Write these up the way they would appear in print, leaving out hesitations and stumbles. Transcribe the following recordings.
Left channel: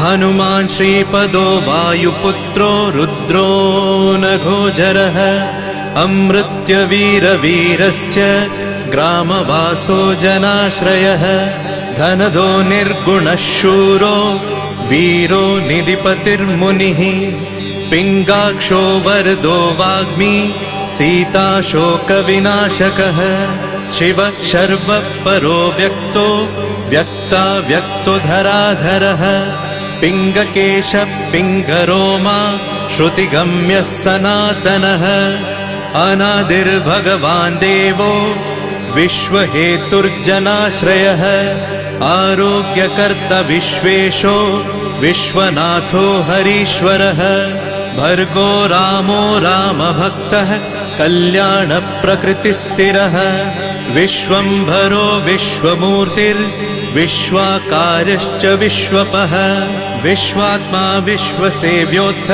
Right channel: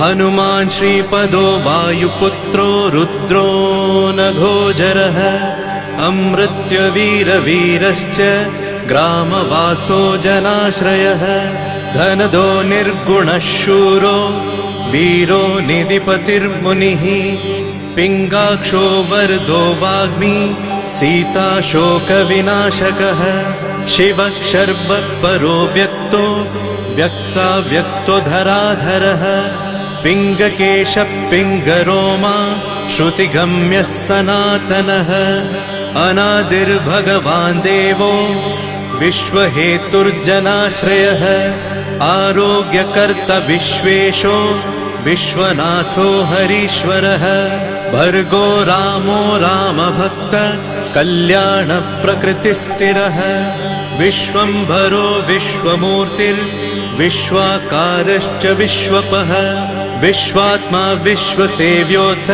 हनुमान् श्रीपदो वायुपुत्रो रुद्रो नघोजरः अमृत्यवीरवीरश्च ग्रामवासो जनाश्रयः धनदो निर्गुणः शूरो वीरो निधिपतिर्मुनिः पिङ्गाक्षो वरदो वाग्मी सीताशोकविनाशकः शिवः शर्वत्परो व्यक्तो व्यक्ताव्यक्तो धराधरः पिङ्गकेशः पिङ्गरोमा श्रुतिगम्यः सनातनः अनादिर्भगवान् देवो विश्वहेतुर्जनाश्रयः आरोग्यकर्ता विश्वेशो विश्वनाथो हरीश्वरः भर्गो रामो रामभक्तः कल्याणप्रकृतिस्थिरः विश्वम्भरो विश्वमूर्तिर्विश्वाकारश्च विश्वपः विश्वात्मा विश्वसेव्योऽथ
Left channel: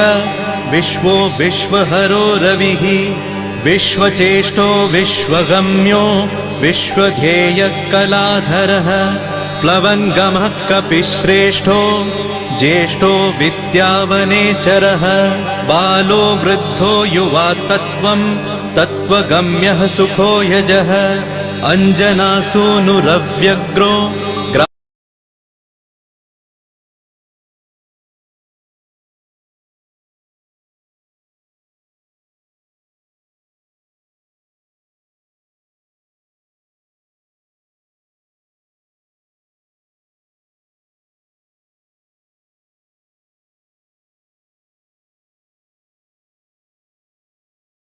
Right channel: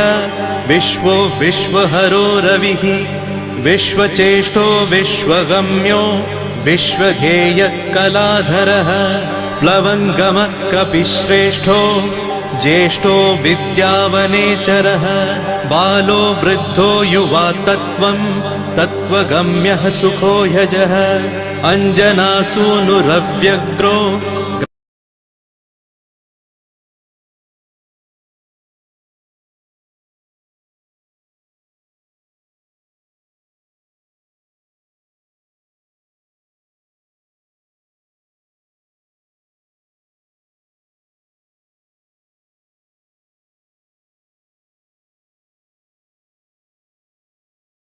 विश्वो विश्वहरो रविः विश्वचेष्टो विश्वगम्यो विश्वध्येयः कलाधरः प्लवङ्गमः कपिश्रेष्ठो ज्येष्ठो विद्यावनेचरः बालो वृद्धो युवा तत्त्वगम्यः सुखो यजः अञ्जनासूनुरव्यग्रो